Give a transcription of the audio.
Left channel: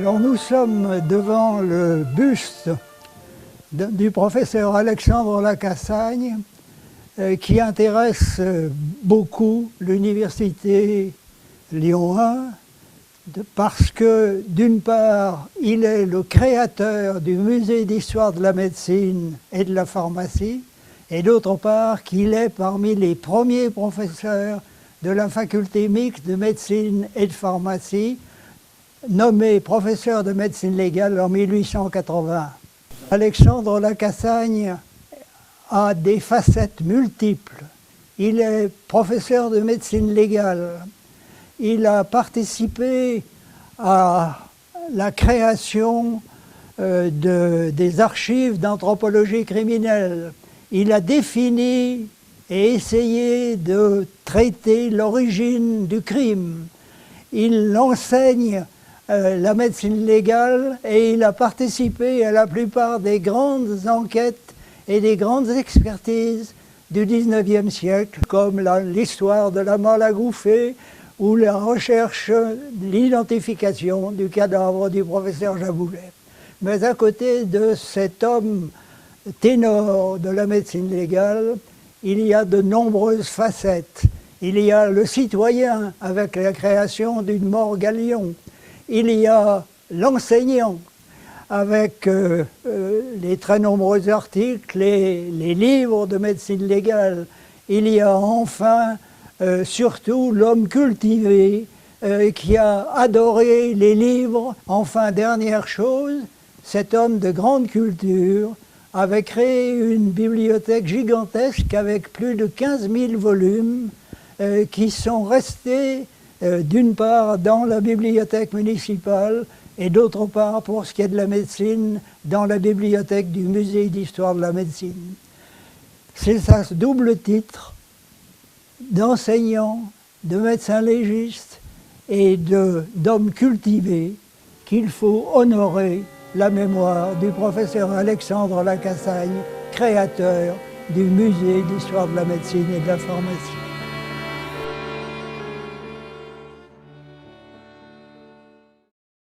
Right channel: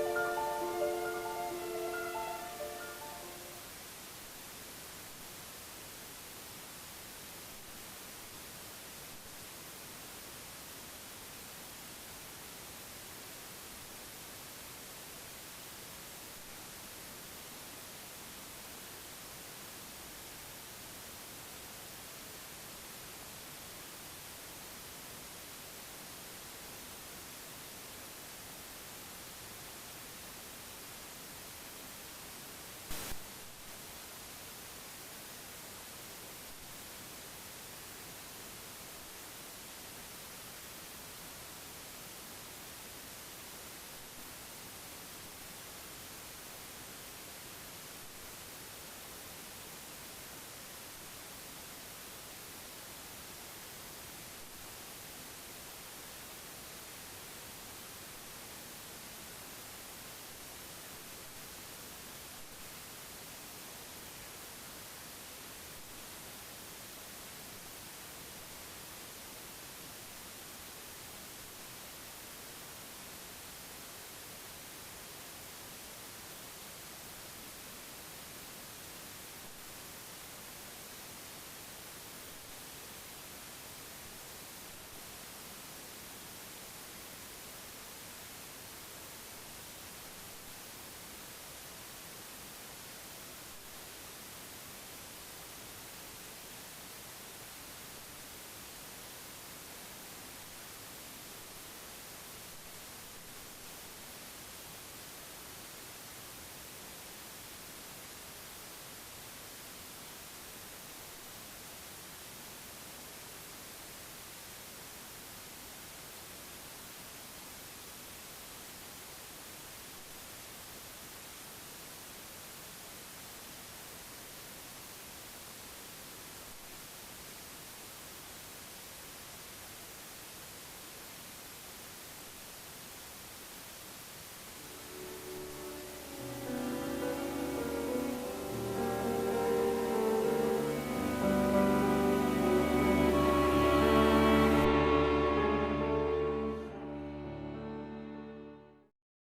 Alors nous sommes devant le buste du professeur Alexandre Lacassagne qui intéresse beaucoup l'université Lyon 1 parce que d'une part il est le créateur du musée d'histoire de la médecine et de la pharmacie et d'autre part qu'il est parmi les premiers professeurs de la faculté mixte de médecine et de pharmacie, nommé professeur de médecine légale en 1880. Alexandre Lacassagne a des facettes multiples. Il est professeur de médecine légale. Il a participé à la création des archives d'anthropologie criminelle. Il a défini et essayé de traiter l'origine du crime. Il enseigne la médecine légale et il a participé à la plupart des grandes enquêtes et des grandes expertises du XIXe siècle, comme l'histoire de la Malagouffée ou la recherche, l'identification du cadavre du professeur Jaboulet. Mais à côté de cet homme ténor de la médecine légale, il y a de nombreuses facettes. Il y a le citoyen avec la création d'une morgue à Lyon. Il y a l'enseignant avec les très nombreux articles, les livres de médecine légale. Il y a enfin surtout l'homme cultivé qui a adoré les livres. Enfin, dernière chose, cet homme de grande culture avait créé une bibliothèque gigantesque avec plus de 15 000 volumes qui sont restés d'une part dans la bibliothèque municipale et d'autre part, pour ce qui est de la médecine, dans la bibliothèque du musée d'histoire de la médecine. C'est ça, ce double titre d'enseignant, de médecin légiste et d'homme cultivé qu'il faut honorer la mémoire du professeur Alexandre Lacassagne, créateur du musée d'histoire de la médecine et de la pharmacie.